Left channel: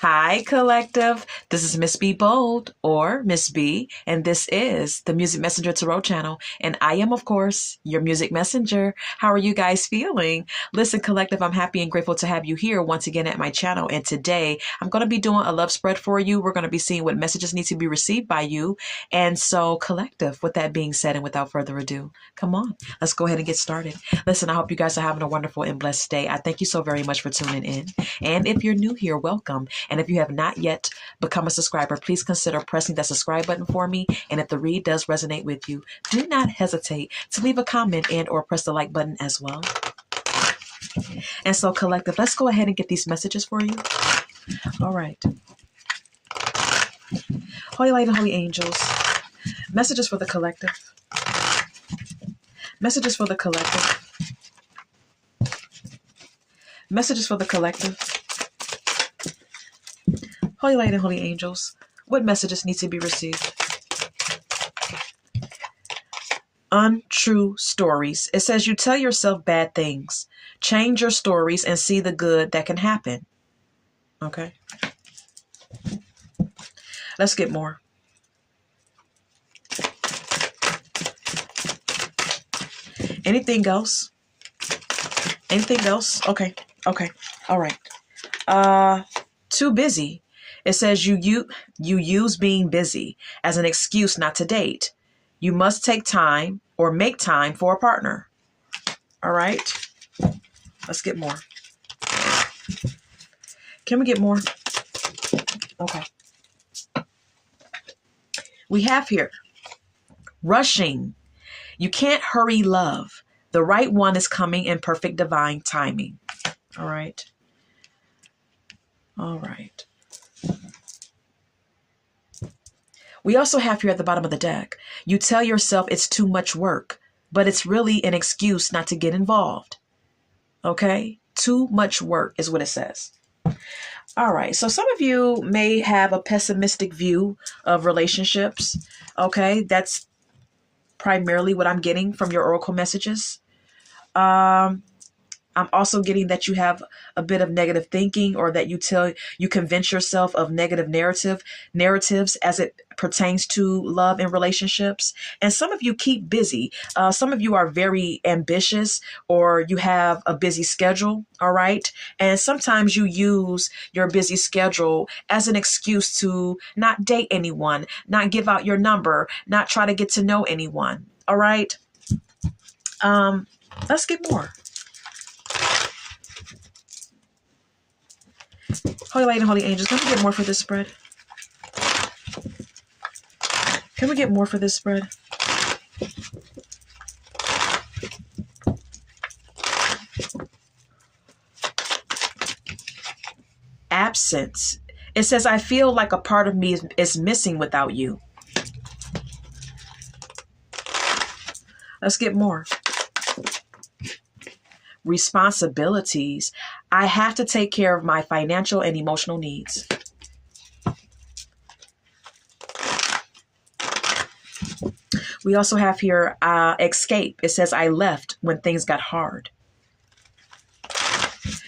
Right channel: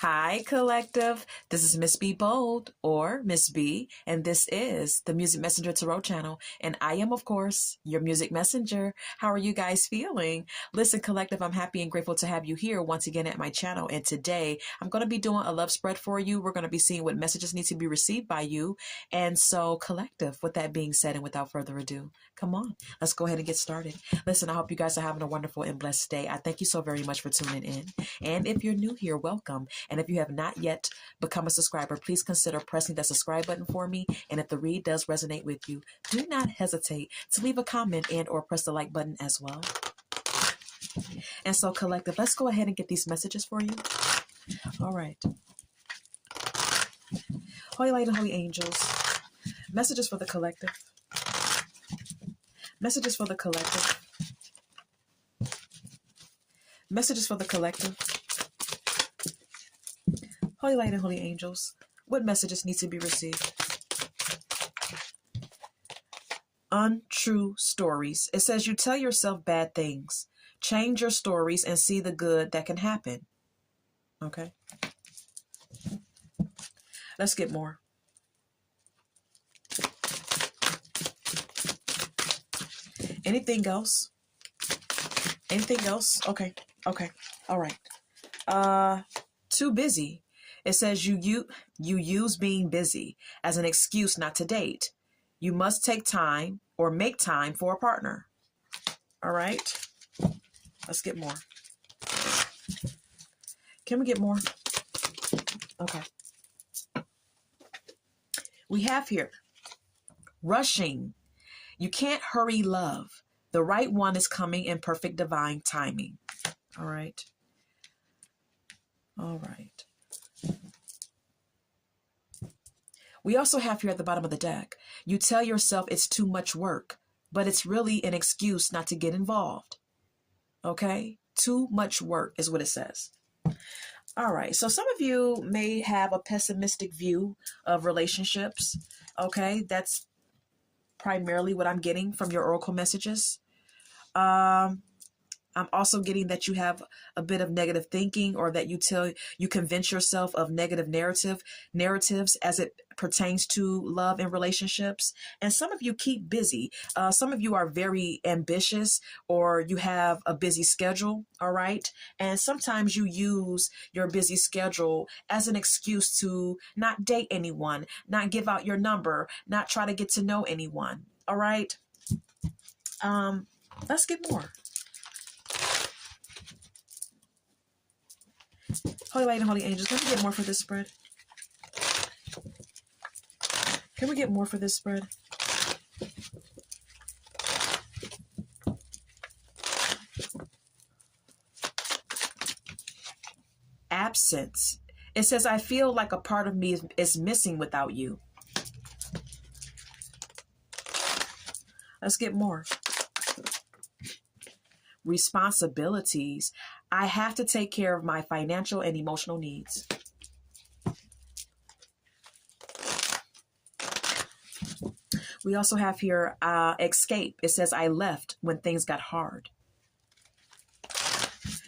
Hi, Collective. This is Miss B Bold or Miss B, and this is the Music Messenger Tarot channel. And I am, of course, your music messenger. How are you guys feeling? Listen, Collective, I'm happy and grateful to have you here once again at my channel. And today I'm going to be doing a love spread for you. We're going to be seeing what messages need to be received by you. And so, Collective, with that being said, and without further ado, come on, let's go ahead and get started. Listen, I hope you guys are having a wonderful and blessed day. I thank you so very much for tuning in. And if you're new here, welcome. And if you have not yet become a subscriber, please consider pressing that subscribe button for me. And if the read does resonate with you, do not hesitate to leave a comment and or press the like button as well. And so, Collective, let's go ahead and get these messages for you. All right. Holy Light and Holy Angels, messages for the Collective. Messages for the Collective. Messages for the Collective. Holy Light and Holy Angels, what messages need to be received? Untrue stories. It says you tell yourself bad things. Change your stories and see the good that can happen. Okay. Let's get more. Anything else? Anything else? Okay. Okay. All right. Too busy. It says you use being busy as an excuse not to date. You must take time or make time for a partner. All right. Let's get more. Can we get more? Okay. We have here rushing. You can't hurry love. The right one is coming in perfect divine timing. All right. All right. We also have here at the bottom of the deck, you tell yourself it's too much work, but it's really an excuse not to get involved. Okay? Too much work is what it says. All right. So some of you may have a pessimistic view of relationships. Okay? That's primarily what I'm getting from your oracle messages. I'm also getting that you have a bit of negative thinking, or that you convince yourself of negative narratives as it pertains to love and relationships. And some of you keep busy. Some of you are very ambitious, or you have a busy schedule. All right. And sometimes you use your busy schedule as an excuse to not date anyone, not give out your number, not try to get to know anyone. All right. Let's get more. Holy Light and Holy Angels, can we get more for this spread? Can we get more for this spread? Absence. It says, I feel like a part of me is missing without you. Let's get more. Responsibilities. I have to take care of my financial and emotional needs. We also have here escape. It says, I left when things got hard.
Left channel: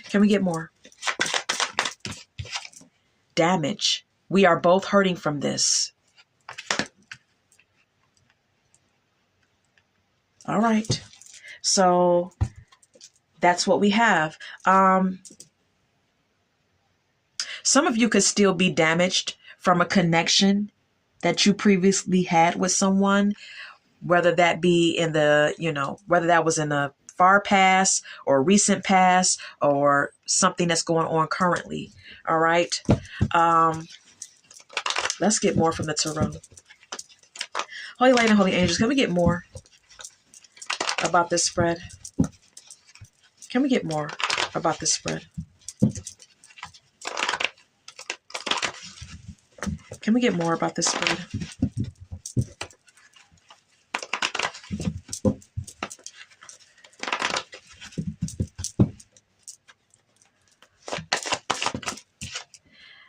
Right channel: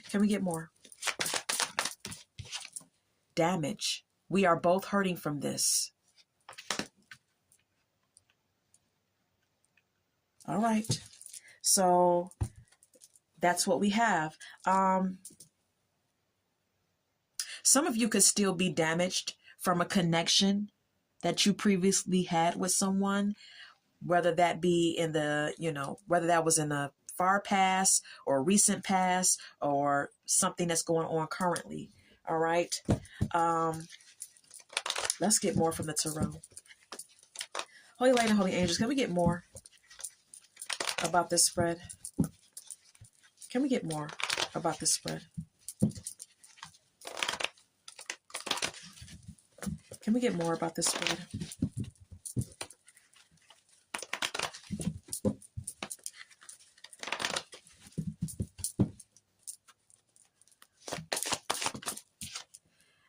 Can we get more? Damage. We are both hurting from this. All right. So that's what we have. Some of you could still be damaged from a connection that you previously had with someone, whether that be in the, whether that was in the far past or recent past, or something that's going on currently. All right. Let's get more from the tarot. Holy Light and Holy Angels, can we get more about this spread? Can we get more about this spread? Can we get more about this spread?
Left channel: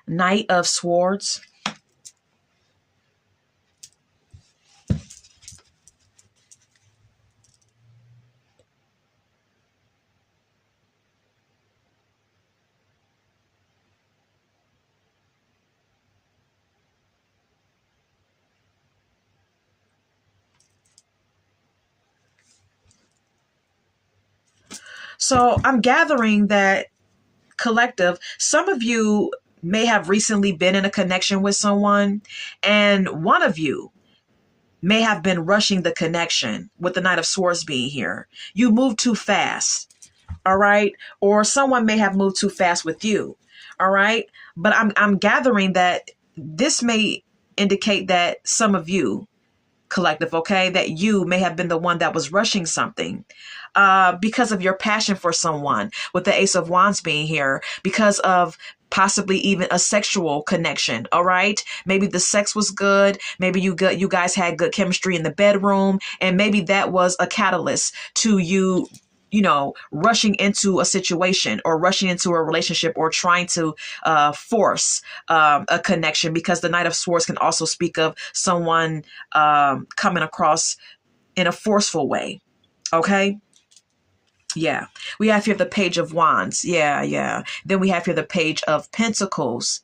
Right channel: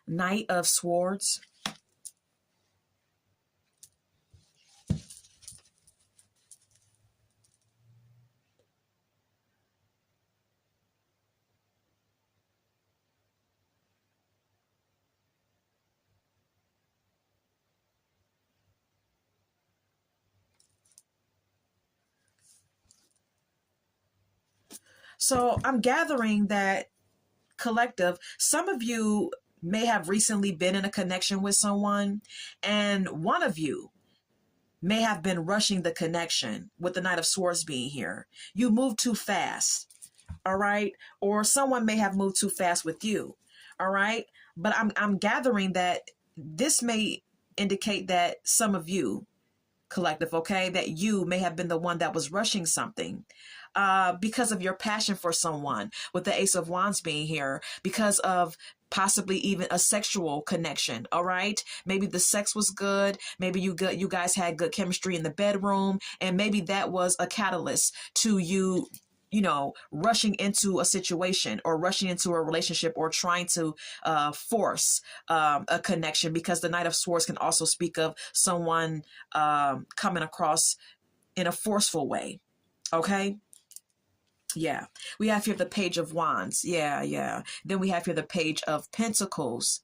Knight of Swords. So I'm gathering that, collective, some of you may have recently been in a connection with someone, and one of you may have been rushing the connection with the Knight of Swords being here. You moved too fast, all right? Or someone may have moved too fast with you, all right? But I'm gathering that this may indicate that some of you, collective, okay, that you may have been the one that was rushing something because of your passion for someone, with the Ace of Wands being here, because of possibly even a sexual connection. All right, maybe the sex was good, maybe you guys had good chemistry in the bedroom, and maybe that was a catalyst to you, you know, rushing into a situation or rushing into a relationship or trying to force a connection, because the Knight of Swords can also speak of someone coming across in a forceful way. Okay. Yeah. We have here the Page of Wands. Yeah. Yeah. Then we have here the Page of Pentacles.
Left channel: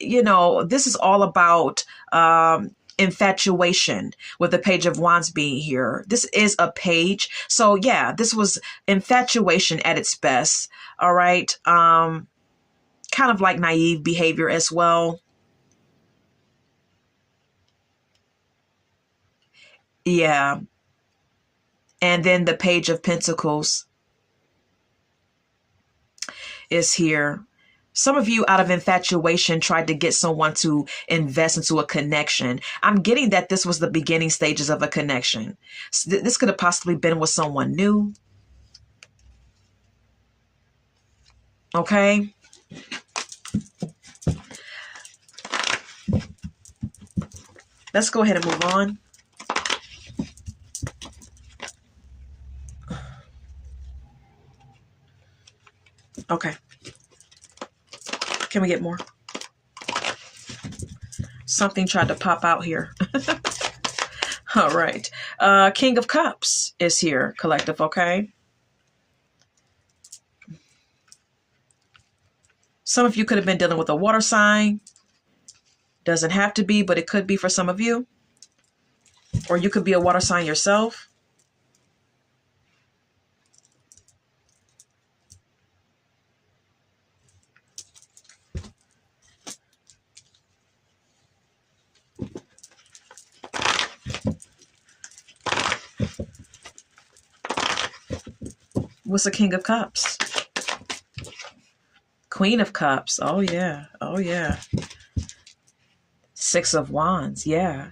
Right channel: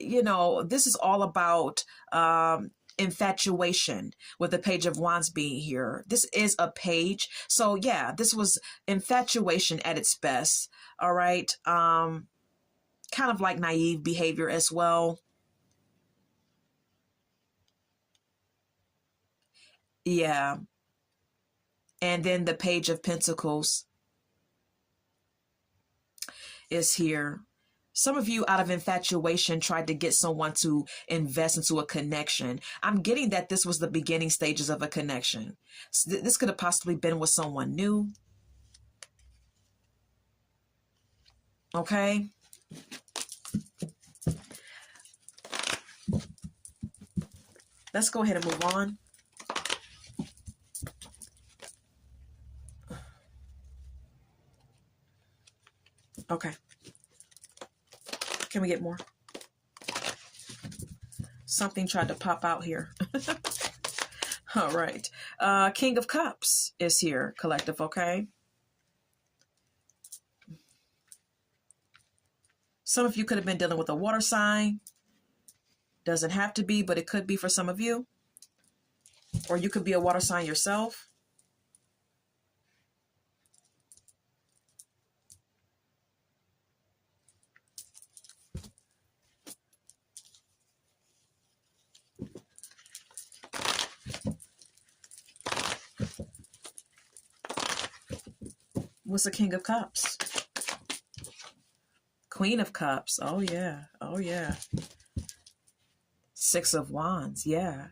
You know, this is all about infatuation, with the Page of Wands being here. This is a page. So yeah, this was infatuation at its best. All right. Kind of like naive behavior as well. Yeah. And then the Page of Pentacles is here. Some of you, out of infatuation, tried to get someone to invest into a connection. I'm getting that this was the beginning stages of a connection. This could have possibly been with someone new. Okay. Let's go ahead and move on. Okay. Can we get more? Something tried to pop out here. All right. King of Cups is here, collective, okay? Some of you could have been dealing with a water sign. Doesn't have to be, but it could be for some of you. Or you could be a water sign yourself. What's the King of Cups? Queen of Cups. Oh, yeah. Oh, yeah. Six of Wands. Yeah.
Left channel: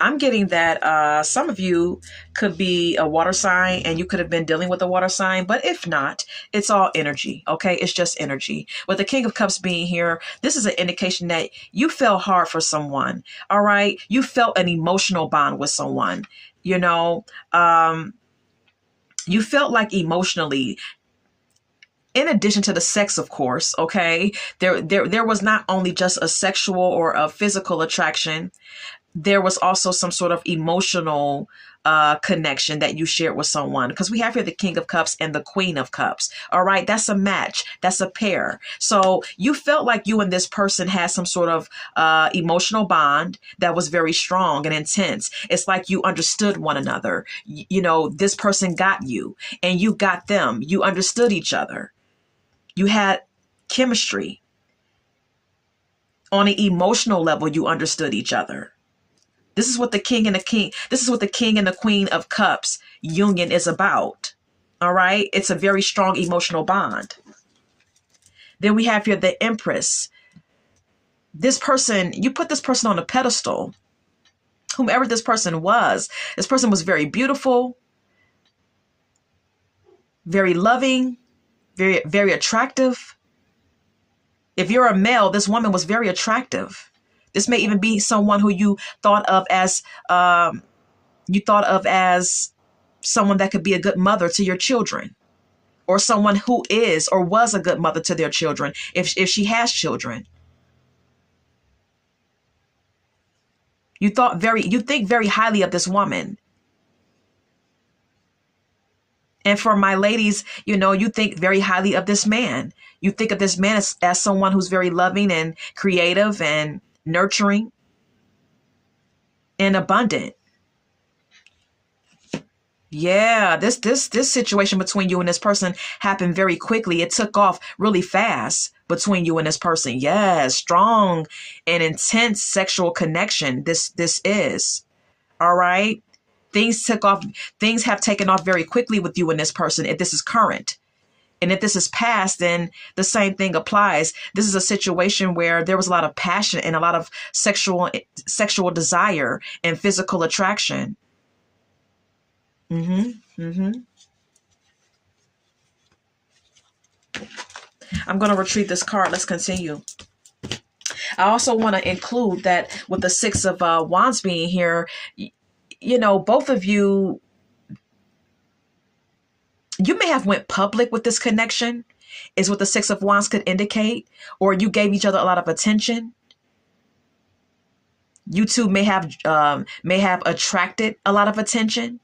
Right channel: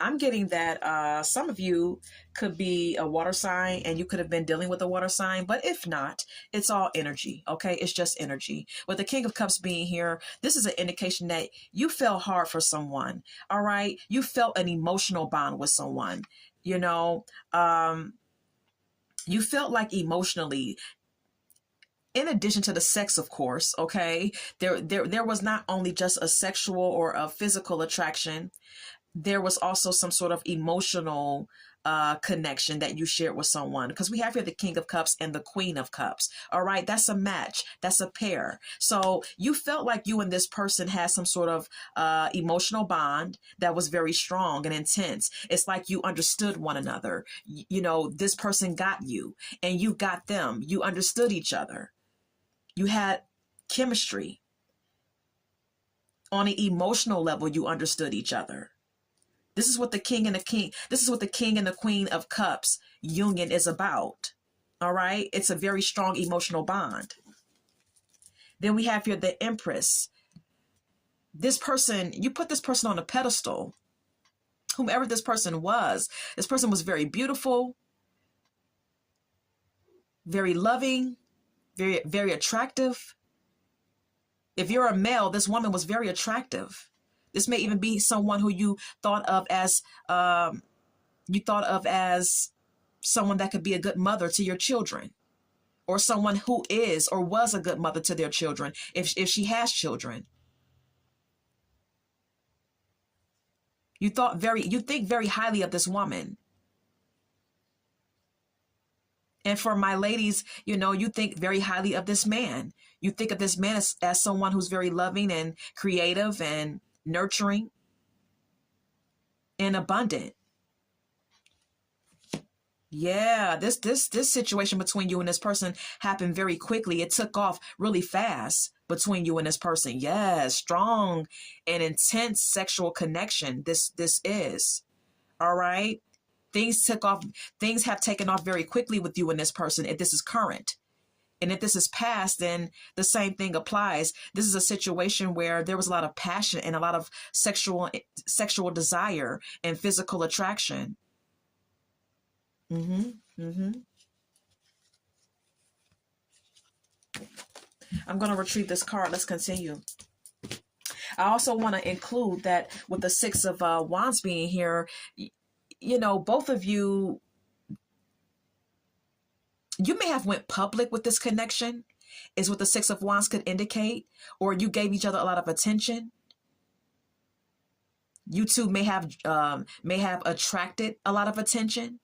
I'm getting that some of you could be a water sign and you could have been dealing with a water sign, but if not, it's all energy. Okay. It's just energy. With the King of Cups being here, this is an indication that you fell hard for someone. All right. You felt an emotional bond with someone, you know, you felt like emotionally, in addition to the sex, of course, okay, there was not only just a sexual or a physical attraction, there was also some sort of emotional connection that you shared with someone. Because we have here the King of Cups and the Queen of Cups. All right, that's a match. That's a pair. So you felt like you and this person had some sort of emotional bond that was very strong and intense. It's like you understood one another. You know, this person got you and you got them. You understood each other. You had chemistry. On an emotional level, you understood each other. This is what the King and the Queen of Cups union is about. All right. It's a very strong emotional bond. Then we have here the Empress. This person, you put this person on a pedestal. Whomever this person was very beautiful, very loving, very, very attractive. If you're a male, this woman was very attractive. This may even be someone who you thought of as someone that could be a good mother to your children, or someone who is or was a good mother to their children if she has children. You think very highly of this woman. And for my ladies, you know, you think very highly of this man. You think of this man as someone who's very loving and creative and nurturing and abundant. Yeah, this situation between you and this person happened very quickly. It took off really fast between you and this person. Yes, strong and intense sexual connection. This is. All right. Things took off, things have taken off very quickly with you and this person if this is current. And if this is past, then the same thing applies. This is a situation where there was a lot of passion and a lot of sexual desire and physical attraction. Mm-hmm. Mm-hmm. I'm going to retrieve this card. Let's continue. I also want to include that with the Six of Wands being here, you know, both of you, you may have went public with this connection, is what the Six of Wands could indicate, or you gave each other a lot of attention. You two may have attracted a lot of attention,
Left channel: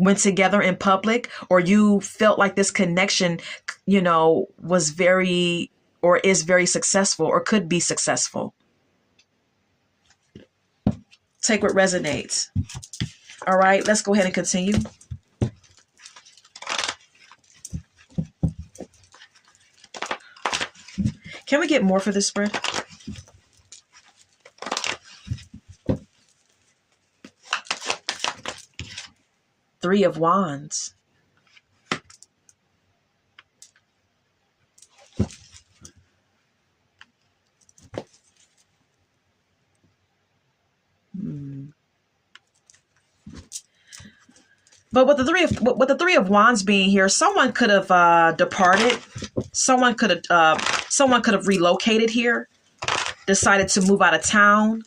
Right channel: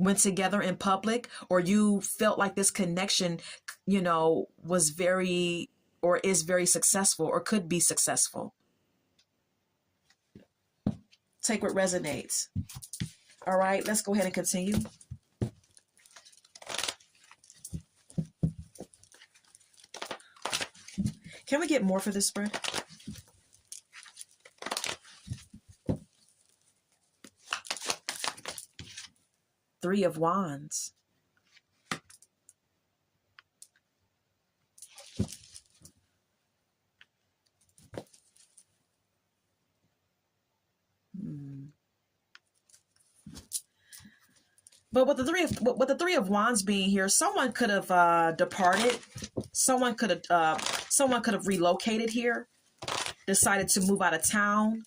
went together in public, or you felt like this connection, you know, was very or is very successful or could be successful. Take what resonates. All right, let's go ahead and continue. Can we get more for this spread? Three of Wands. But with the three of Wands being here, someone could have departed. Someone could have relocated here, decided to move out of town,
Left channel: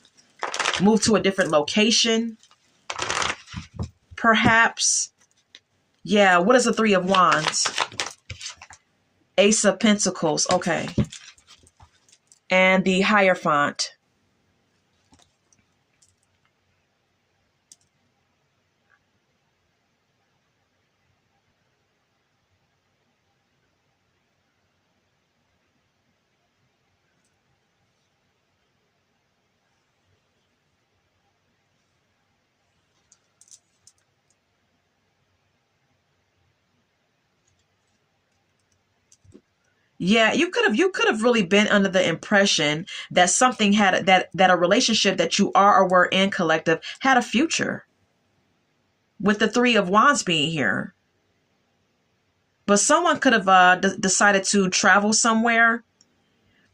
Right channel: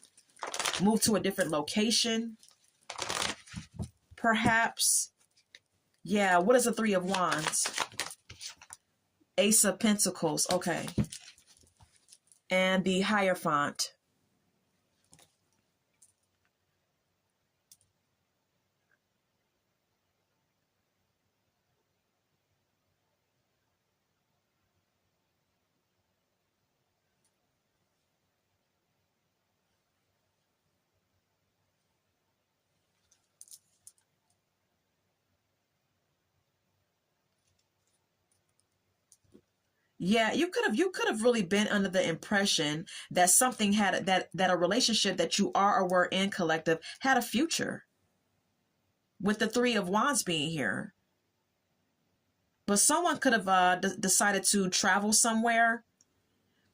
move to a different location, perhaps. Yeah, what is the Three of Wands? Ace of Pentacles, okay. And the Hierophant. Yeah, you could have really been under the impression that something had that a relationship that you are or were in collective had a future. With the Three of Wands being here. But someone could have decided to travel somewhere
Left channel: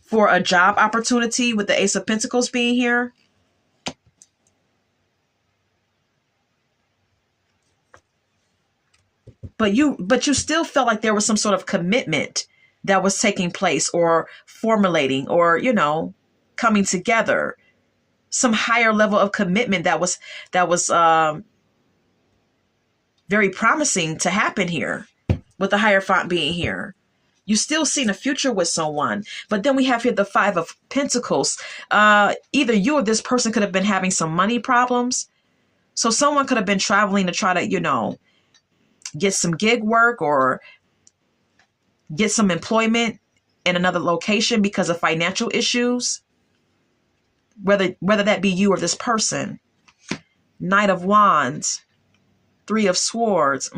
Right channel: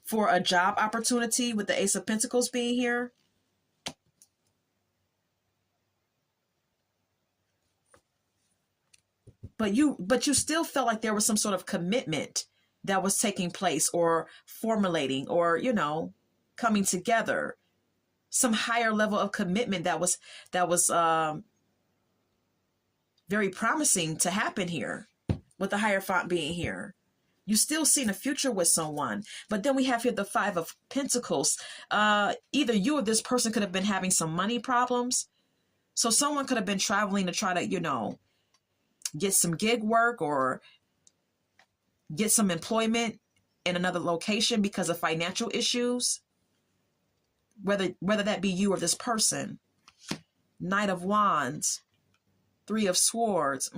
for a job opportunity with the Ace of Pentacles being here. But you still felt like there was some sort of commitment that was taking place or formulating or, you know, coming together. Some higher level of commitment that was very promising to happen here with the Hierophant being here. You still seen a future with someone. But then we have here the Five of Pentacles. Either you or this person could have been having some money problems. So someone could have been traveling to try to, you know, get some gig work or get some employment in another location because of financial issues. Whether that be you or this person. Knight of Wands. Three of Swords.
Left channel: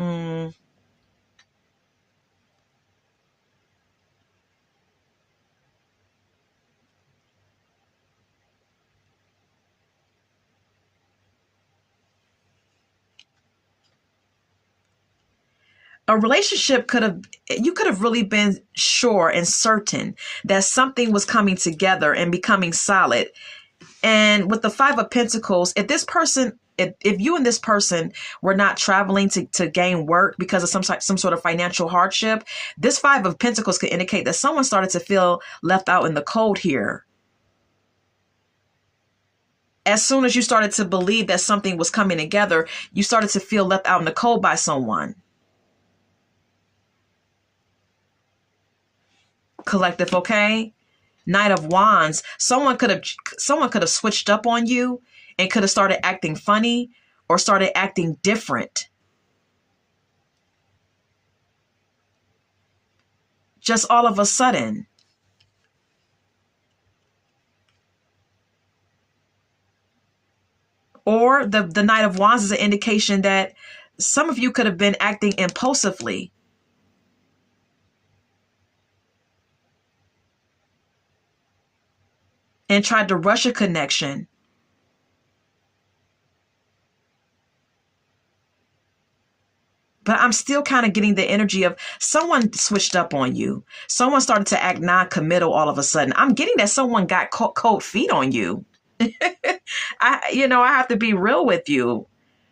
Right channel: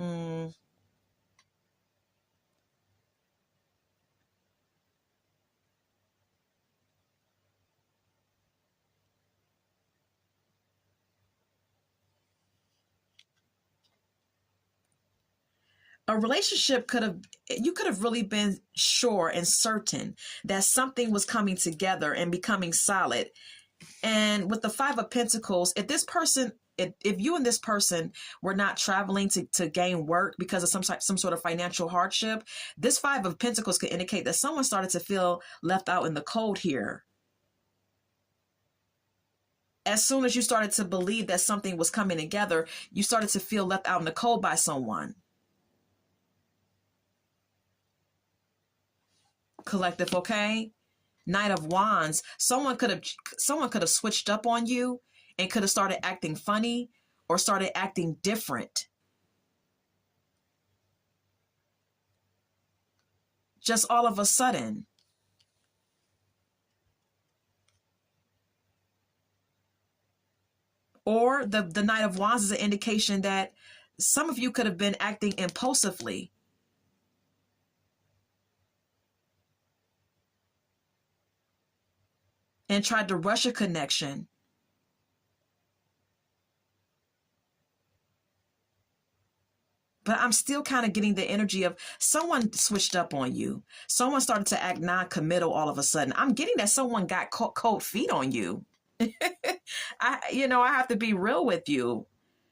A relationship you could have really been sure and certain that something was coming together and becoming solid. And with the Five of Pentacles, if you and this person were not traveling to gain work because of some sort of financial hardship, this Five of Pentacles could indicate that someone started to feel left out in the cold here. As soon as you started to believe that something was coming together, you started to feel left out in the cold by someone. Collective, okay? Knight of Wands. Someone could have switched up on you and could have started acting funny or started acting different. Just all of a sudden. Or the Knight of Wands is an indication that some of you could have been acting impulsively. And tried to rush a connection. But I'm still kind of getting the energy of someone switched up on you. Someone started to act non-committal all of a sudden. I'm getting that someone got cold feet on you. I have to be real with you.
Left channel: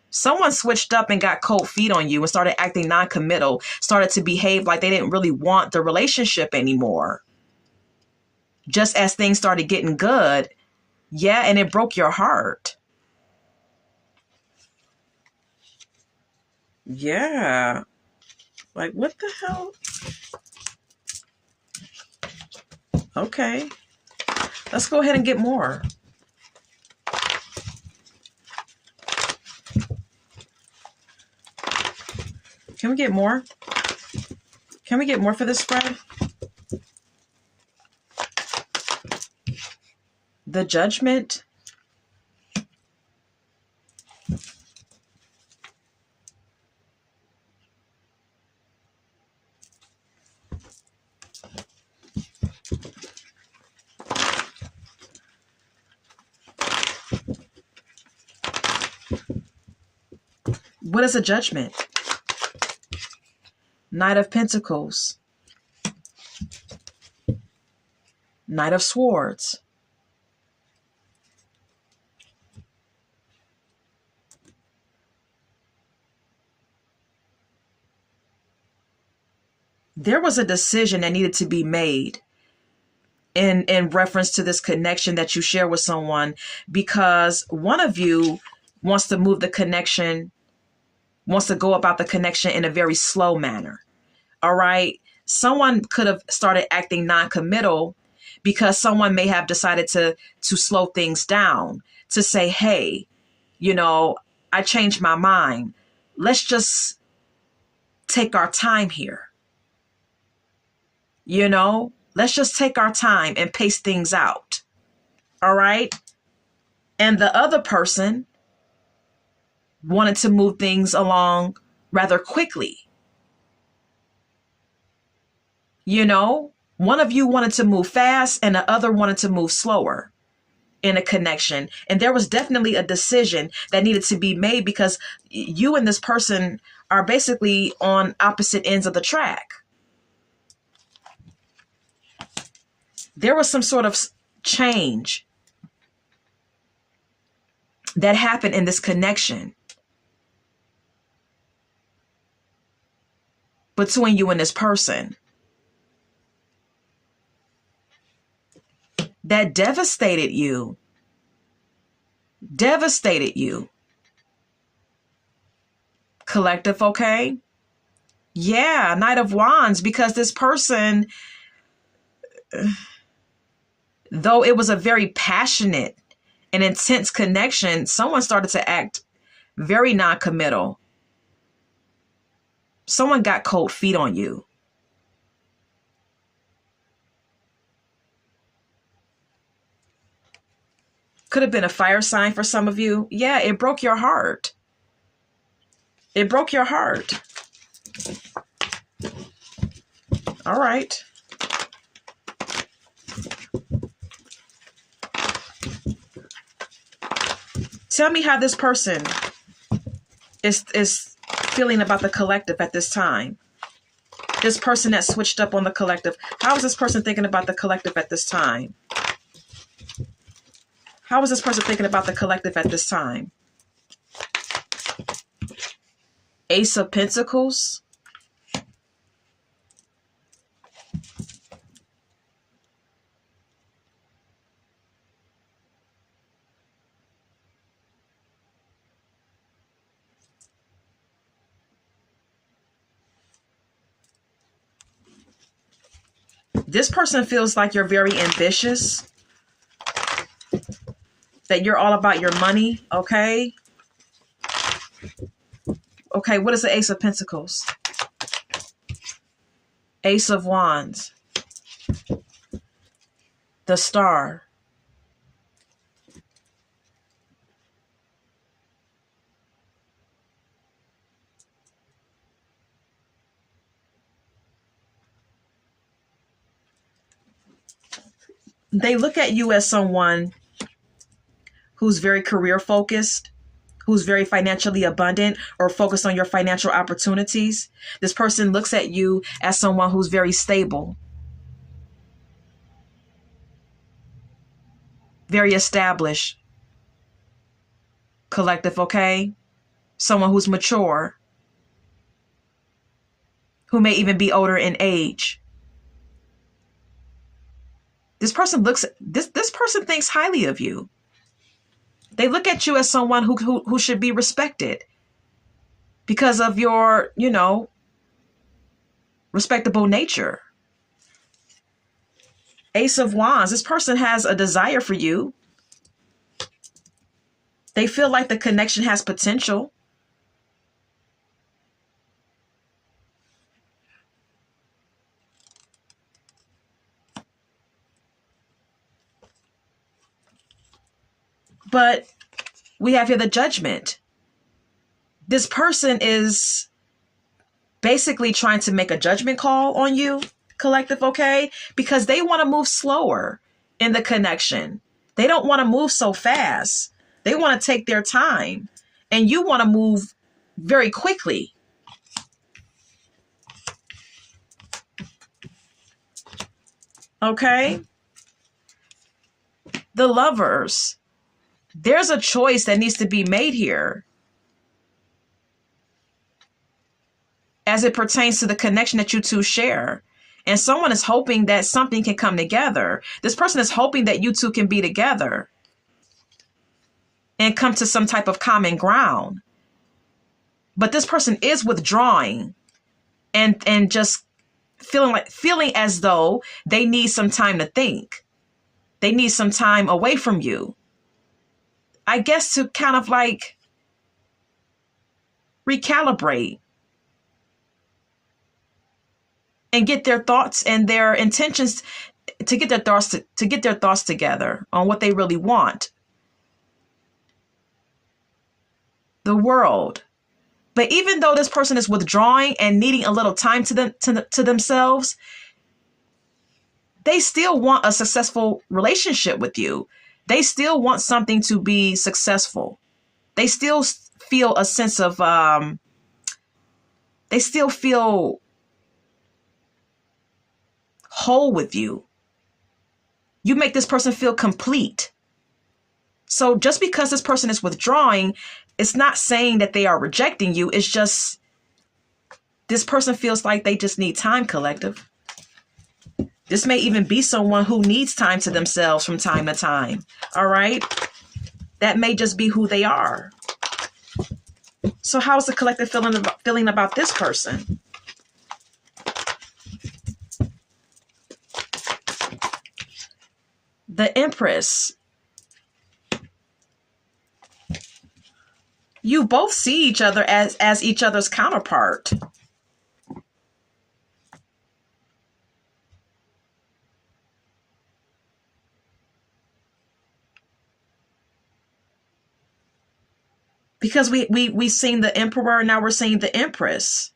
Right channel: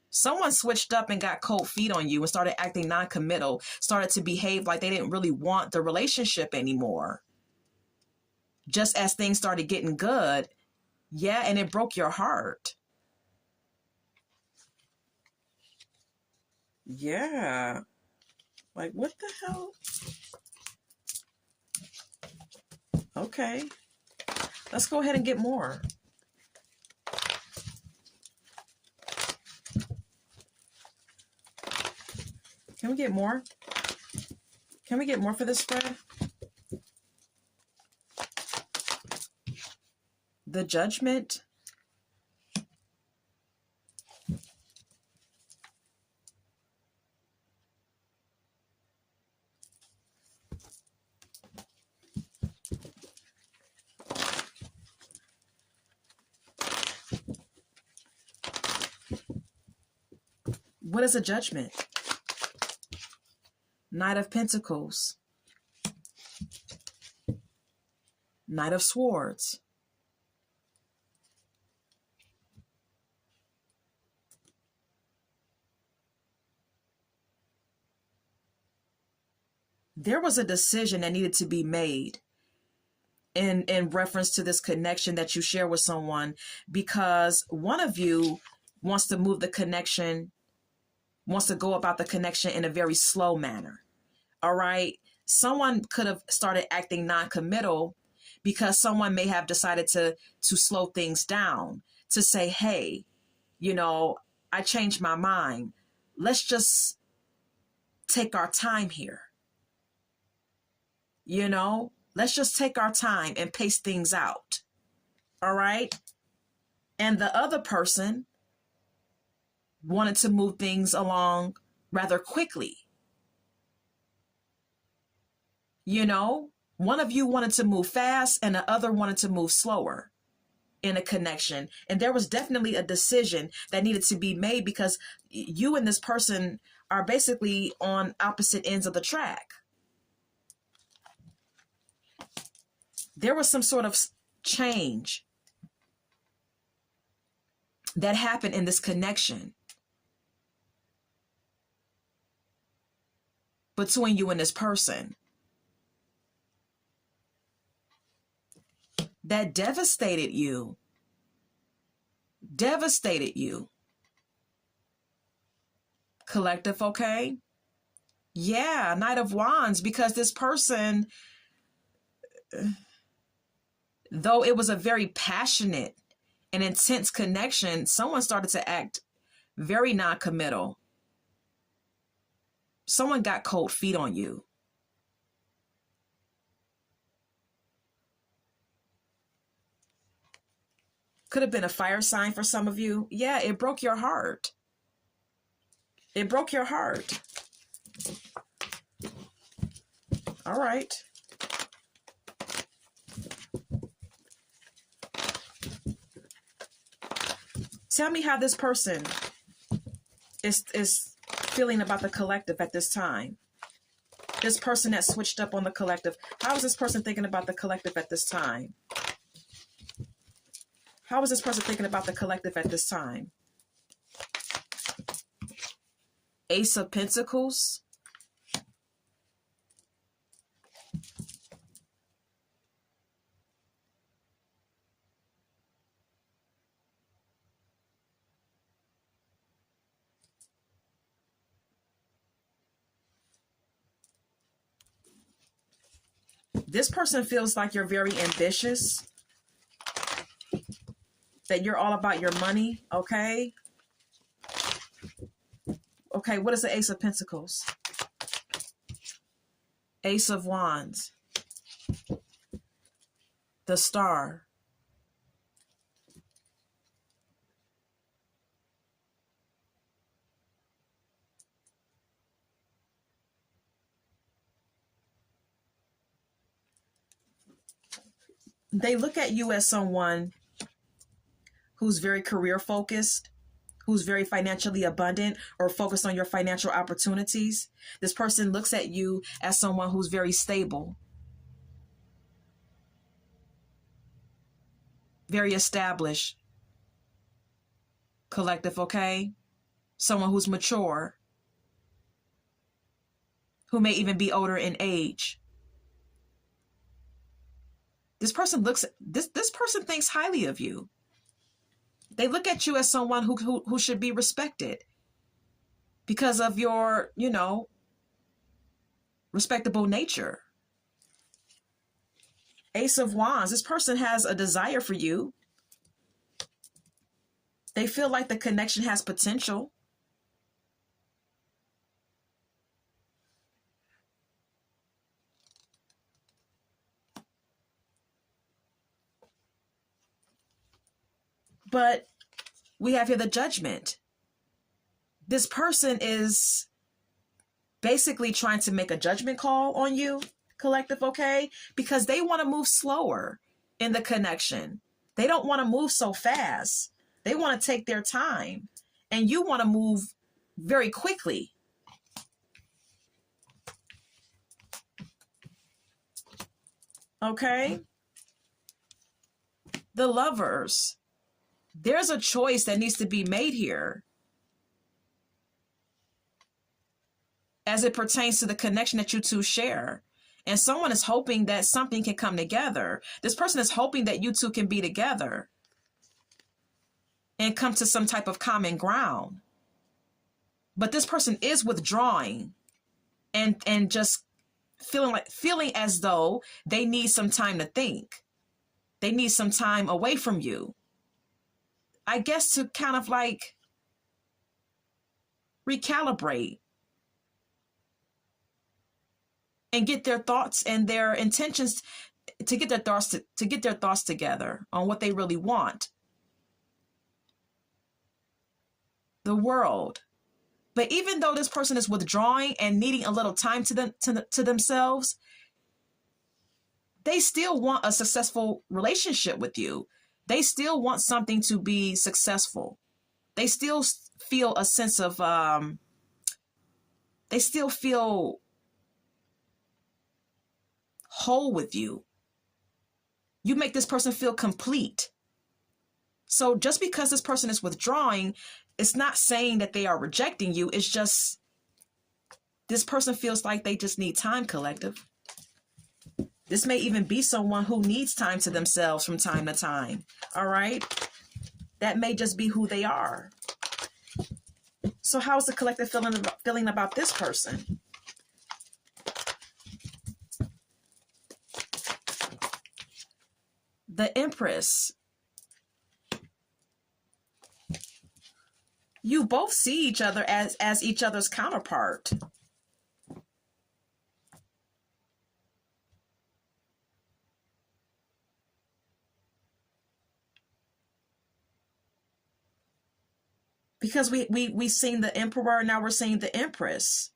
Someone switched up and got cold feet on you and started acting non-committal, started to behave like they didn't really want the relationship anymore. Just as things started getting good. Yeah, and it broke your heart. Yeah. Like, what the hell? Okay. Let's go ahead and get more. Can we get more? Can we get more for this spread? The Judgment. What is a judgment? Knight of Pentacles. Knight of Swords. There was a decision that needed to be made in reference to this connection that you share with someone, because one of you wants to move the connection, wants to go about the connection in a very slow manner. All right. Someone could have started acting non-committal because someone may have decided to slow things down, to say, hey, I changed my mind. Let's just take our time here. Let's just take our time and pace things out. All right. And the other person wanted to move things along rather quickly. One of you wanted to move fast and the other wanted to move slower in a connection. And there was definitely a decision that needed to be made because you and this person are basically on opposite ends of the track. There was some sort of change that happened in this connection between you and this person that devastated you. Collective, okay? Yeah, Knight of Wands, because this person, though it was a very passionate and intense connection, someone started to act very non-committal. Someone got cold feet on you. Could have been a fire sign for some of you. Yeah, it broke your heart. It broke your heart. All right. Tell me how this person is feeling about the collective at this time. This person that switched up on the collective. How is this person thinking about the collective at this time? How is this person thinking about the collective at this time? Ace of Pentacles. This person feels like you're very ambitious, that you're all about your money, okay? Okay, what is the Ace of Pentacles? Ace of Wands. The Star. They look at you as someone who's very career focused, who's very financially abundant or focused on your financial opportunities. This person looks at you as someone who's very stable, very established, collective, okay? Someone who's mature, who may even be older in age. This person thinks highly of you. They look at you as someone who should be respected because of your, respectable nature. Ace of Wands, this person has a desire for you. They feel like the connection has potential. But we have here the Judgment. This person is basically trying to make a judgment call on you, collective, okay? Because they want to move slower in the connection. They don't want to move so fast. They want to take their time. And you want to move very quickly. Okay? The Lovers. There's a choice that needs to be made here as it pertains to the connection that you two share. And someone is hoping that something can come together. This person is hoping that you two can be together and come to some type of common ground. But this person is withdrawing and just feeling as though they need some time to think. They need some time away from you. I guess to kind of like recalibrate and get their thoughts and their intentions to get their thoughts together on what they really want. The World. But even though this person is withdrawing and needing a little time to themselves, they still want a successful relationship with you. They still want something to be successful. They still feel a sense of, they still feel whole with you. You make this person feel complete. So just because this person is withdrawing, it's not saying that they are rejecting you. It's just this person feels like they just need time, collective. This may even be someone who needs time to themselves from time to time. All right? That may just be who they are. So how's the collective feeling about this person? The Empress. You both see each other as each other's counterpart. Because we've seen the Emperor, and now we're seeing the Empress.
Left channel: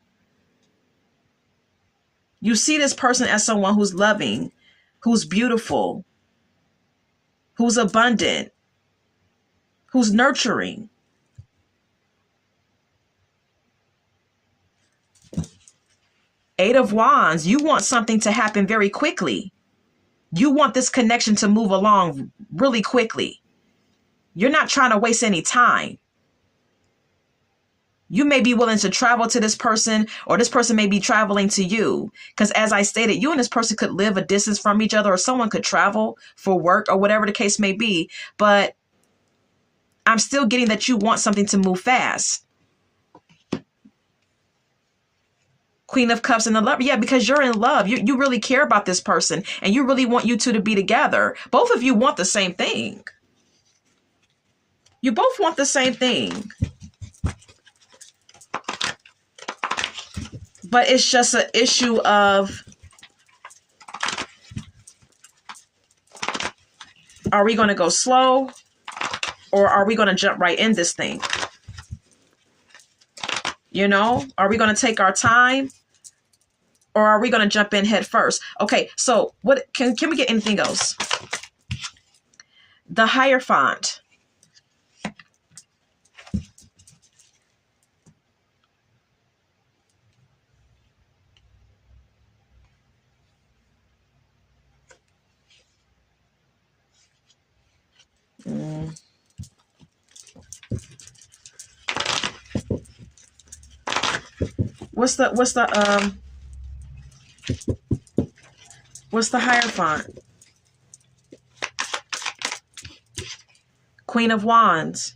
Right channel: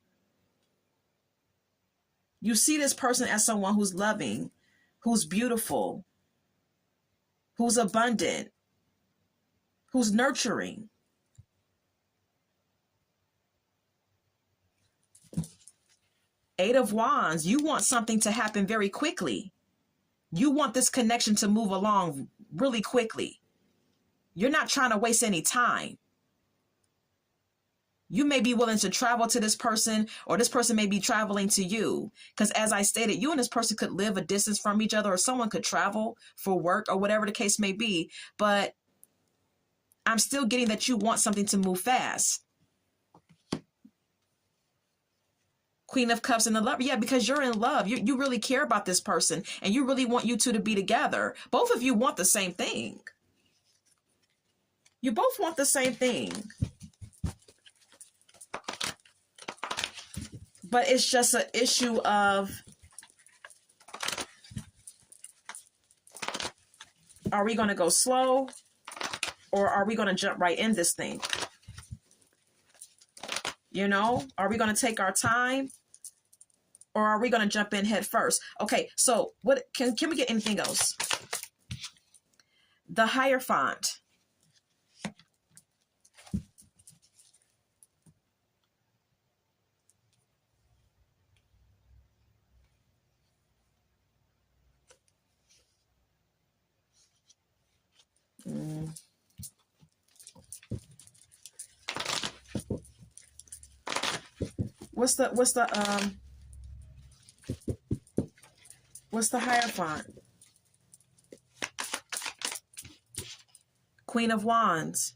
You see this person as someone who's loving, who's beautiful, who's abundant, who's nurturing. Eight of Wands, you want something to happen very quickly. You want this connection to move along really quickly. You're not trying to waste any time. You may be willing to travel to this person, or this person may be traveling to you. Because as I stated, you and this person could live a distance from each other, or someone could travel for work or whatever the case may be. But I'm still getting that you want something to move fast. Queen of Cups and the Lover. Yeah, because you're in love. You really care about this person, and you really want you two to be together. Both of you want the same thing. You both want the same thing. But it's just an issue of, are we going to go slow, or are we going to jump right in this thing? You know, are we going to take our time, or are we going to jump in head first? Okay, so what can we get anything else? The Hierophant. Mm. What's the Hierophant? Queen of Wands.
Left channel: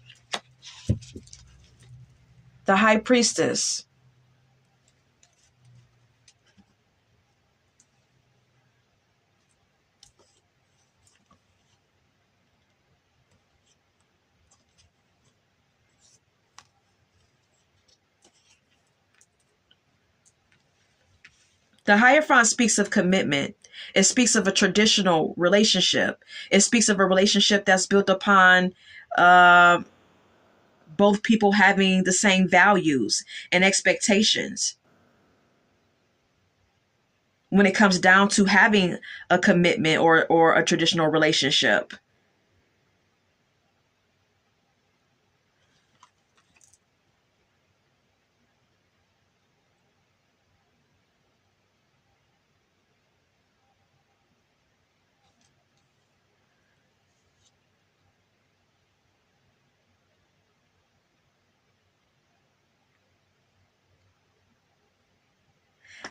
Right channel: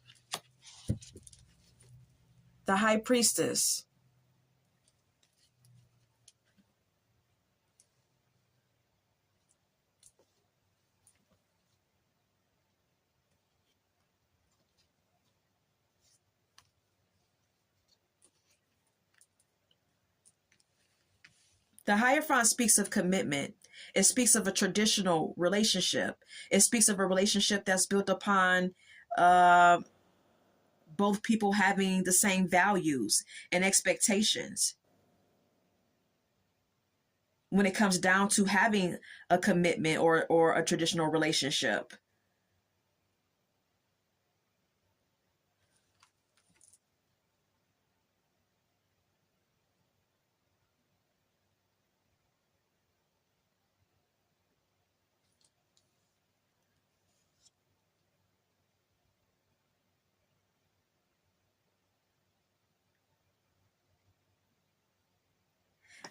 The High Priestess. The Hierophant speaks of commitment. It speaks of a traditional relationship. It speaks of a relationship that's built upon uh, both people having the same values and expectations when it comes down to having a commitment or a traditional relationship.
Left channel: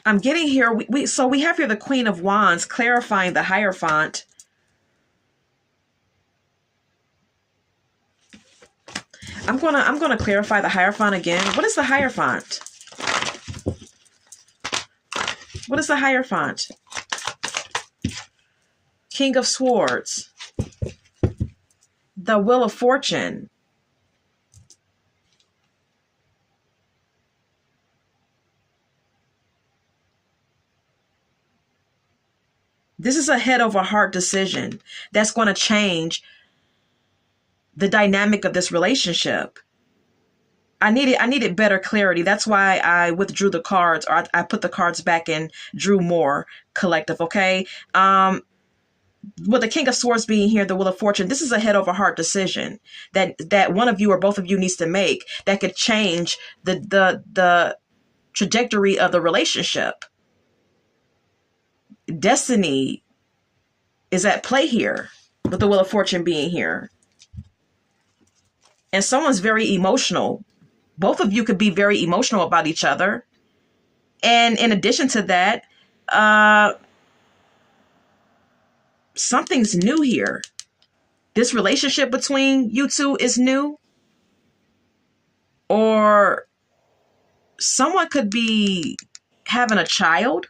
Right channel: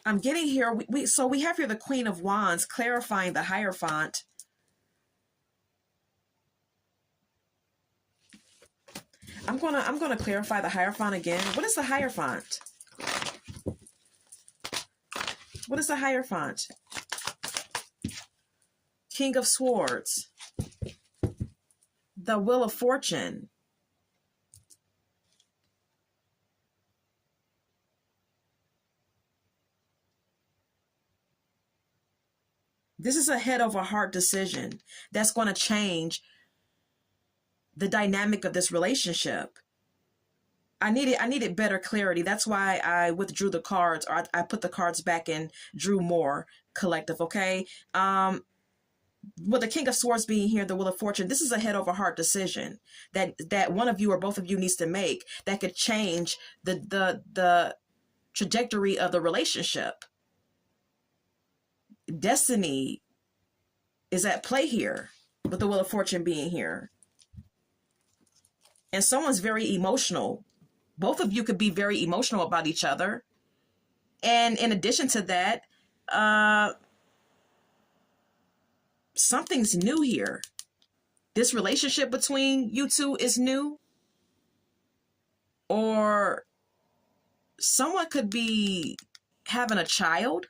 I'm getting here. So we have here the Queen of Wands clarifying the Hierophant. I'm gonna clarify the Hierophant again. What is the Hierophant? What is the Hierophant? King of Swords. The Wheel of Fortune. This is a head over heart decision that's going to change the dynamic of this relationship. I needed better clarity. That's why I withdrew the cards, or I put the cards back and drew more collective. Okay. With the King of Swords being here, the Wheel of Fortune, this is a head over heart decision that one of you or both of you needs to make that could change the trajectory of the relationship. Destiny is at play here with the Wheel of Fortune being here. And someone's very emotional. Both of you could be very emotional about each other. And in addition to that, something's new here. This relationship between you two is new. Or someone could be having a child.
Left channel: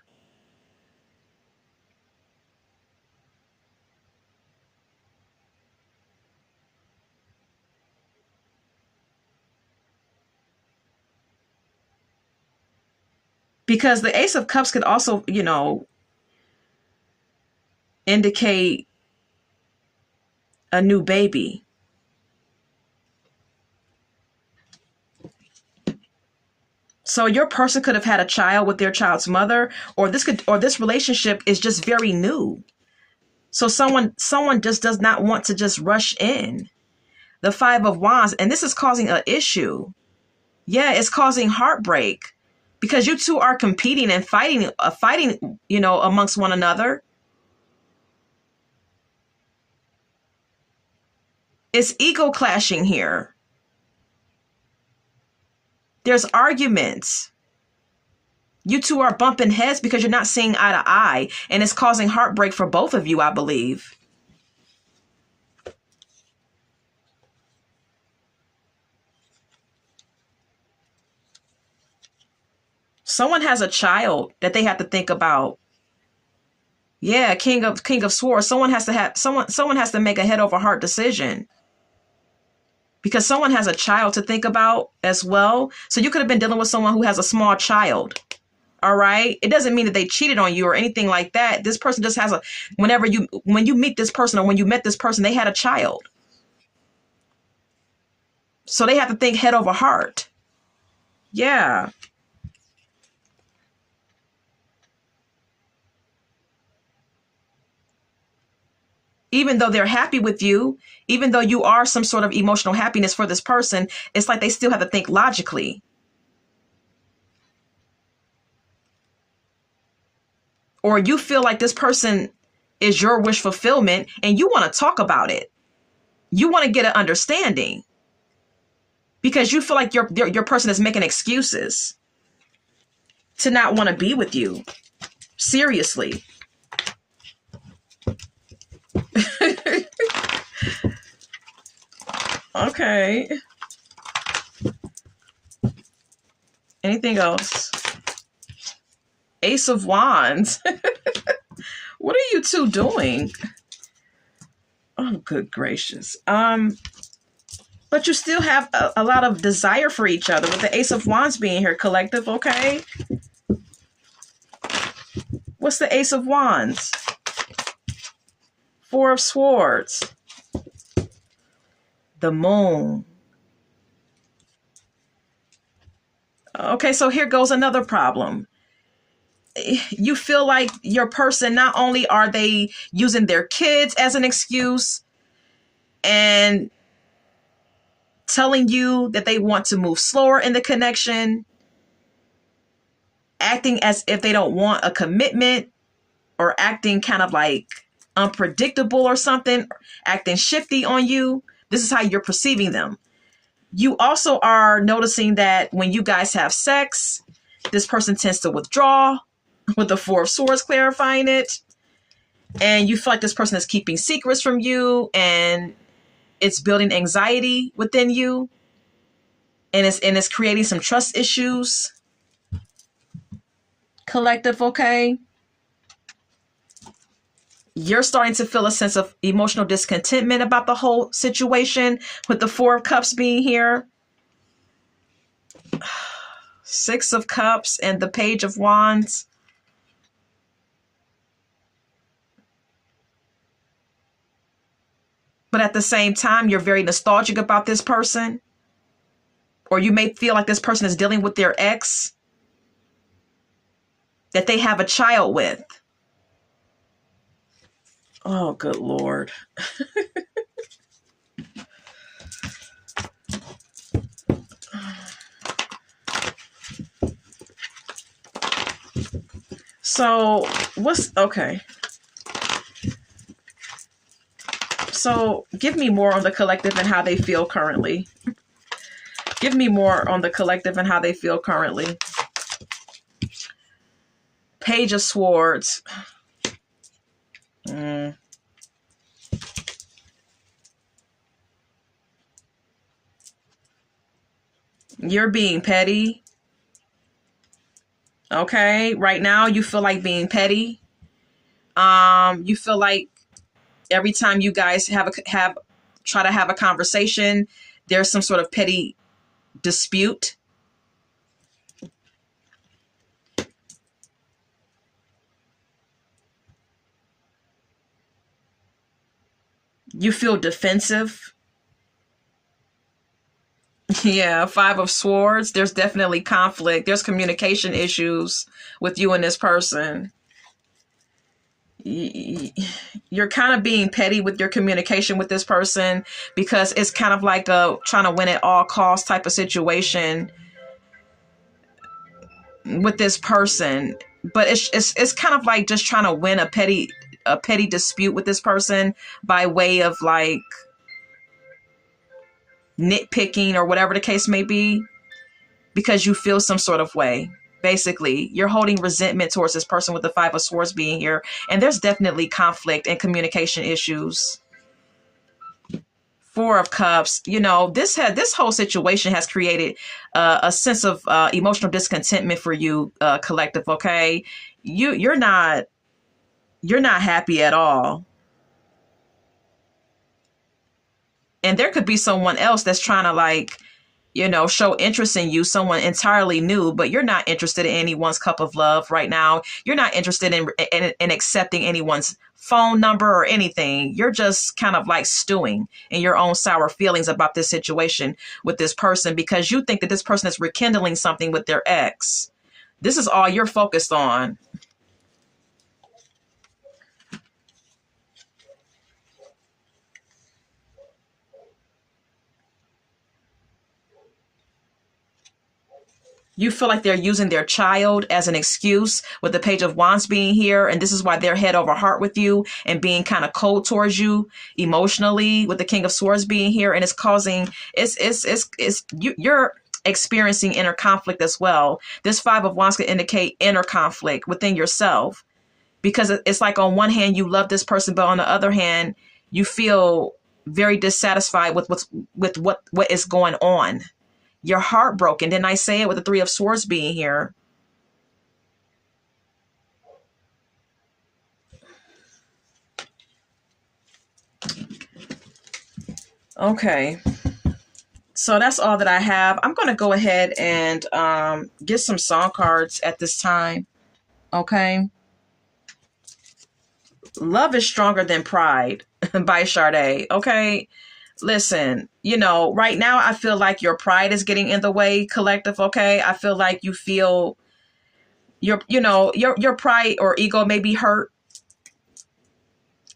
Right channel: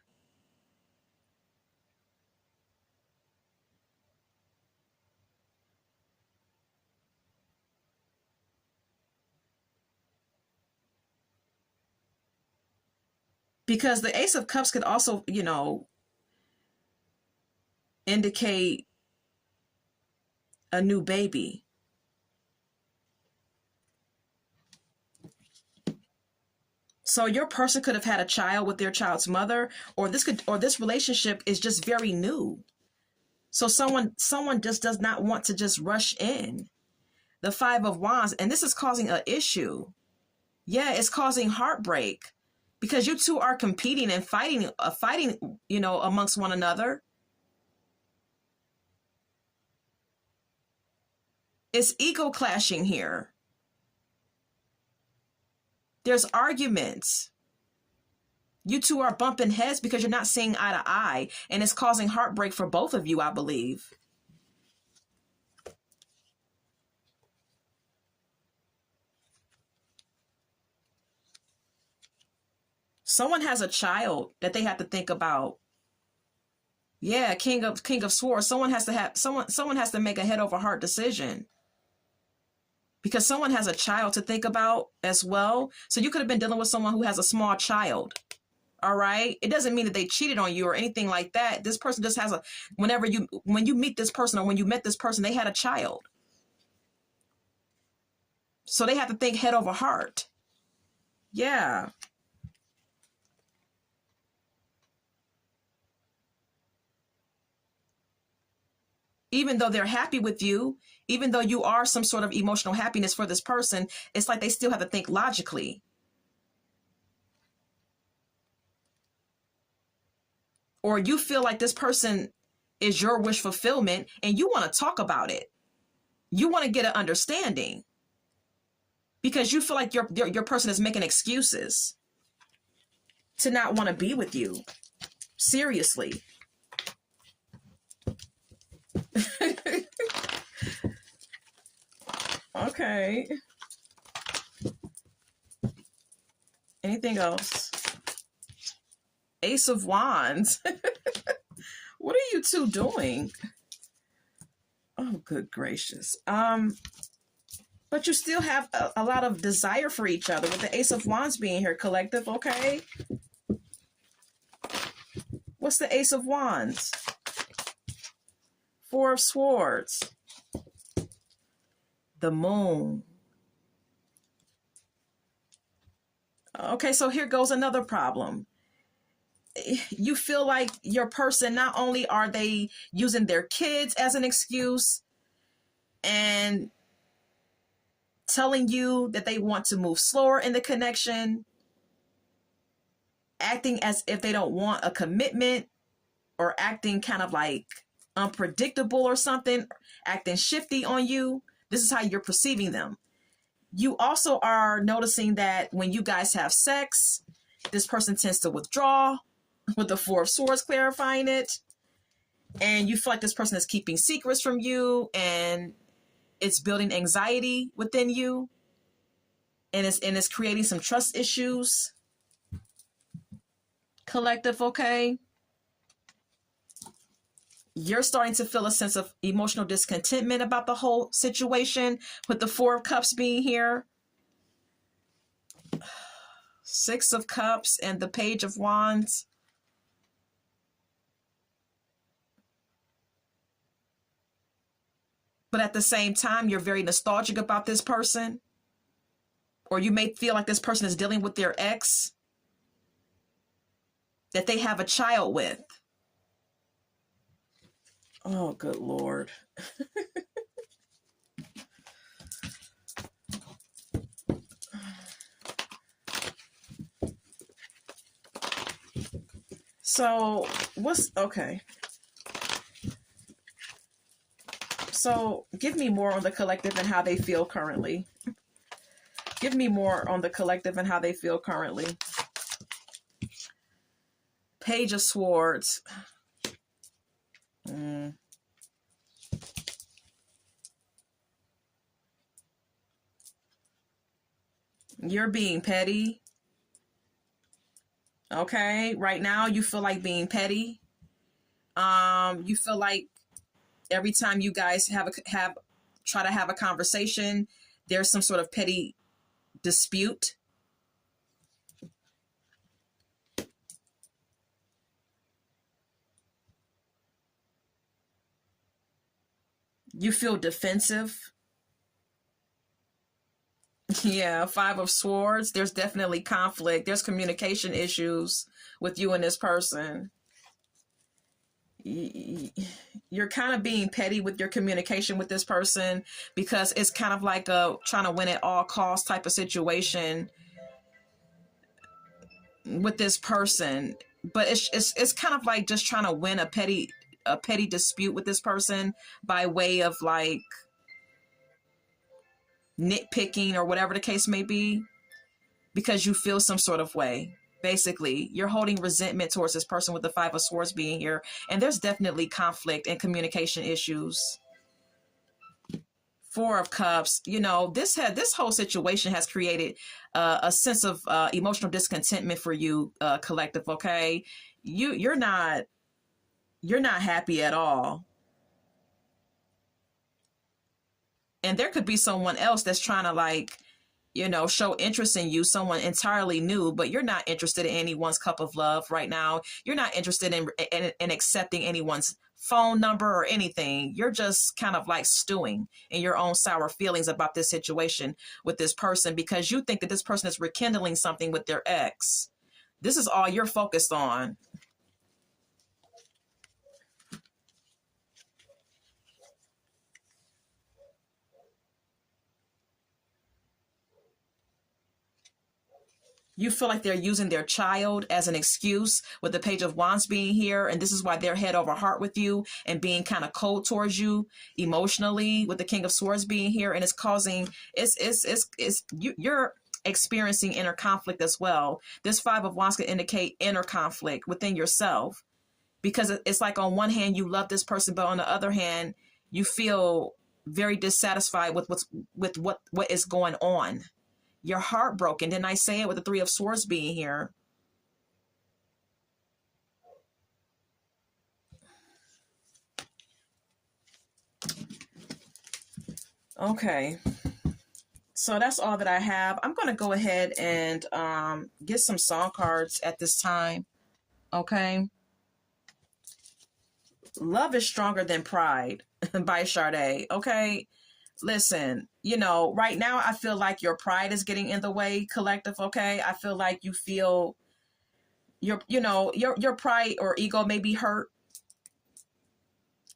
Because the Ace of Cups could also, indicate a new baby. So your person could have had a child with their child's mother, or this relationship is just very new. So someone just does not want to just rush in. The Five of Wands, and this is causing an issue. Yeah, it's causing heartbreak because you two are competing and fighting, amongst one another. It's ego clashing here. There's arguments. You two are bumping heads because you're not seeing eye to eye, and it's causing heartbreak for both of you, I believe. Someone has a child that they have to think about. Yeah, King of Swords. Someone has to make a head over heart decision. Because someone has a child to think about as well. So you could have been dealing with someone who has a small child. All right. It doesn't mean that they cheated on you or anything like that. This person just has when you meet this person, or when you met this person, they had a child. So they have to think head over heart. Yeah. Even though they're happy with you, even though you are some sort of emotional happiness for this person, it's like they still have to think logically. Or you feel like this person is your wish fulfillment and you want to talk about it. You want to get an understanding because you feel like your person is making excuses to not want to be with you. Seriously. Okay. Anything else? Ace of Wands. What are you two doing? Oh, good gracious. But you still have a lot of desire for each other with the Ace of Wands being here, collective, okay? What's the Ace of Wands? Four of Swords. The Moon. Okay, so here goes another problem. You feel like your person, not only are they using their kids as an excuse and telling you that they want to move slower in the connection, acting as if they don't want a commitment, or acting kind of like unpredictable or something, acting shifty on you. This is how you're perceiving them. You also are noticing that when you guys have sex, this person tends to withdraw, with the Four of Swords clarifying it. And you feel like this person is keeping secrets from you and it's building anxiety within you. And it's creating some trust issues. Collective, okay? You're starting to feel a sense of emotional discontentment about the whole situation with the Four of Cups being here. Six of Cups and the Page of Wands. But at the same time, you're very nostalgic about this person. Or you may feel like this person is dealing with their ex that they have a child with. Oh, good Lord. So, okay. So, give me more on the collective and how they feel currently. Give me more on the collective and how they feel currently. Page of Swords. You're being petty. Okay, right now you feel like being petty. You feel like every time you guys try to have a conversation, there's some sort of petty dispute. You feel defensive. Yeah, Five of Swords. There's definitely conflict. There's communication issues with you and this person. You're kind of being petty with your communication with this person because it's kind of like a trying to win at all costs type of situation with this person. But it's kind of like just trying to win a petty dispute with this person by way of like nitpicking or whatever the case may be, because you feel some sort of way. Basically, you're holding resentment towards this person with the Five of Swords being here, and there's definitely conflict and communication issues. Four of Cups. You know, this whole situation has created a sense of emotional discontentment for you, collective. Okay, you're not happy at all. And there could be someone else that's trying to like, you know, show interest in you, someone entirely new, but you're not interested in anyone's cup of love right now. You're not interested in accepting anyone's phone number or anything. You're just kind of like stewing in your own sour feelings about this situation with this person because you think that this person is rekindling something with their ex. This is all you're focused on. You feel like they're using their child as an excuse with the Page of Wands being here. And this is why they're head over heart with you and being kind of cold towards you emotionally with the King of Swords being here. And it's causing, you're experiencing inner conflict as well. This Five of Wands could indicate inner conflict within yourself, because it's like on one hand, you love this person, but on the other hand, you feel very dissatisfied with what is going on. You're heartbroken. Didn't I say it with the Three of Swords being here? Okay. So that's all that I have. I'm going to go ahead and get some song cards at this time. Okay. Love is Stronger Than Pride by Sade. Okay. Listen, right now I feel like your pride is getting in the way, collective. Okay. I feel like you feel your pride or ego may be hurt,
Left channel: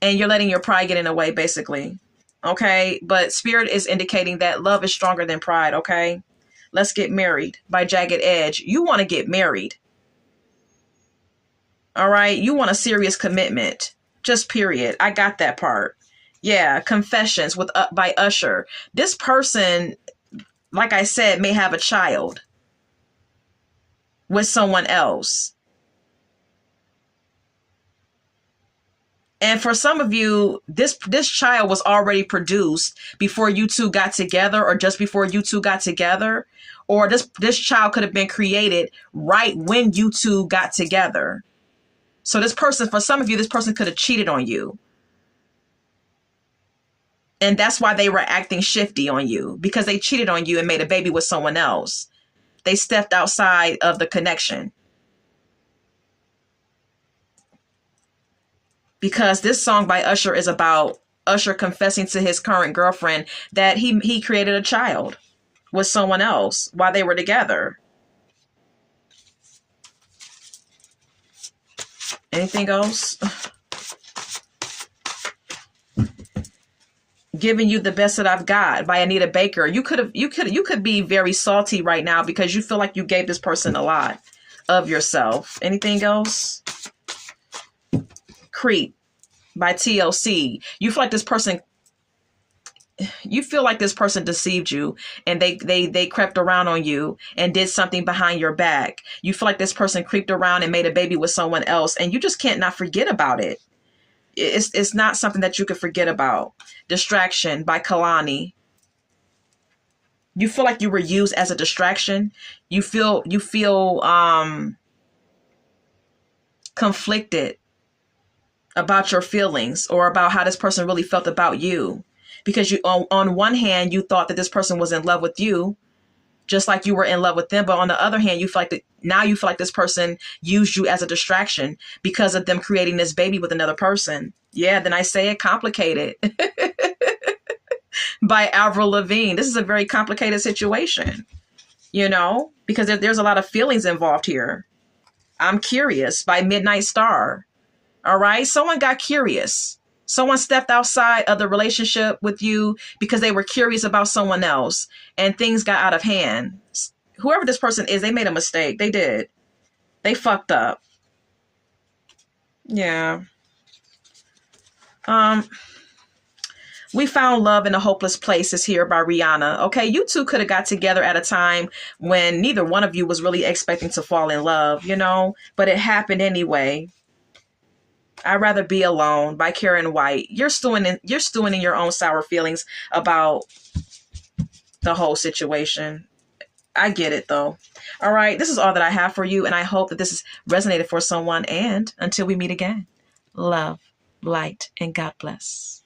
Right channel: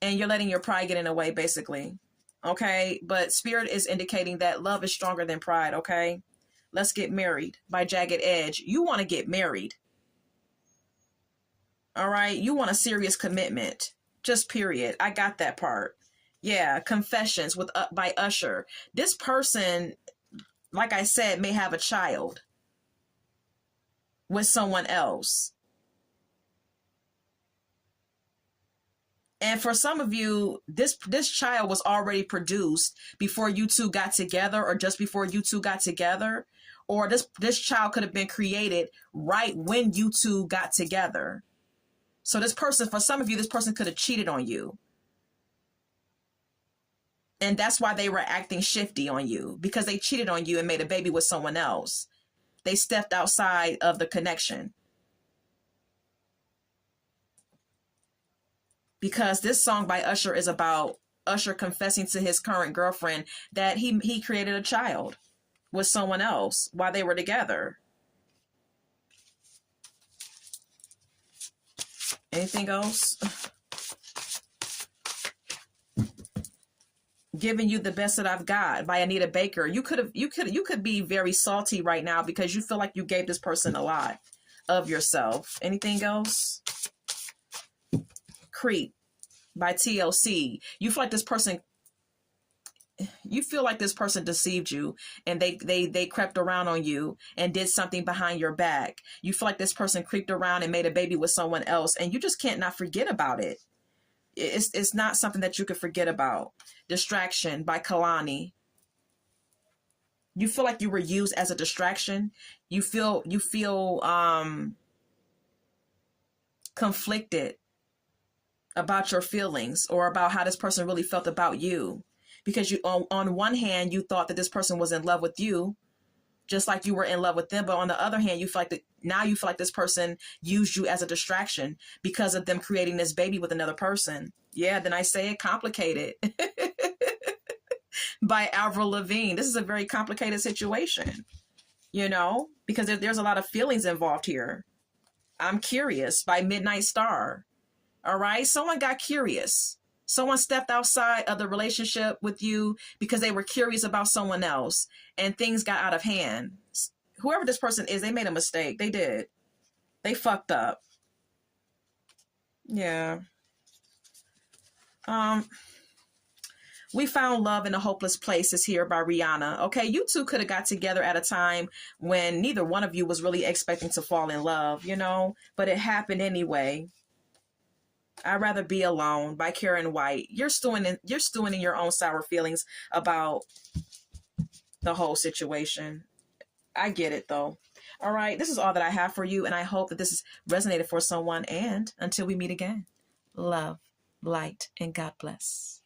and you're letting your pride get in the way, basically. Okay. But Spirit is indicating that love is stronger than pride. Okay. Let's Get Married by Jagged Edge. You want to get married. All right. You want a serious commitment. Just period. I got that part. Yeah. Confessions by Usher. This person, like I said, may have a child with someone else. And for some of you, this child was already produced before you two got together, or just before you two got together, or this child could have been created right when you two got together. So this person, for some of you, this person could have cheated on you. And that's why they were acting shifty on you, because they cheated on you and made a baby with someone else. They stepped outside of the connection. Because this song by Usher is about Usher confessing to his current girlfriend that he created a child with someone else while they were together. Anything else? Giving You the Best That I've Got by Anita Baker. You could be very salty right now because you feel like you gave this person a lot of yourself. Anything else? Creep by TLC. You feel like this person deceived you, and they crept around on you and did something behind your back. You feel like this person creeped around and made a baby with someone else, and you just can't not forget about it. It's not something that you could forget about. Distraction by Kalani. You feel like you were used as a distraction. You feel conflicted about your feelings or about how this person really felt about you. Because you, on one hand, you thought that this person was in love with you, just like you were in love with them. But on the other hand, you feel like this person used you as a distraction because of them creating this baby with another person. Yeah, then I say it, Complicated by Avril Lavigne. This is a very complicated situation, because there's a lot of feelings involved here. I'm Curious by Midnight Star. All right. Someone got curious. Someone stepped outside of the relationship with you because they were curious about someone else, and things got out of hand. Whoever this person is, they made a mistake. They did. They fucked up. Yeah. We Found Love in a Hopeless Place is here by Rihanna. Okay, you two could have got together at a time when neither one of you was really expecting to fall in love, but it happened anyway. I'd Rather Be Alone by Karen White. You're stewing in your own sour feelings about the whole situation. I get it though. All right, this is all that I have for you, and I hope that this has resonated for someone. And until we meet again, love, light, and God bless.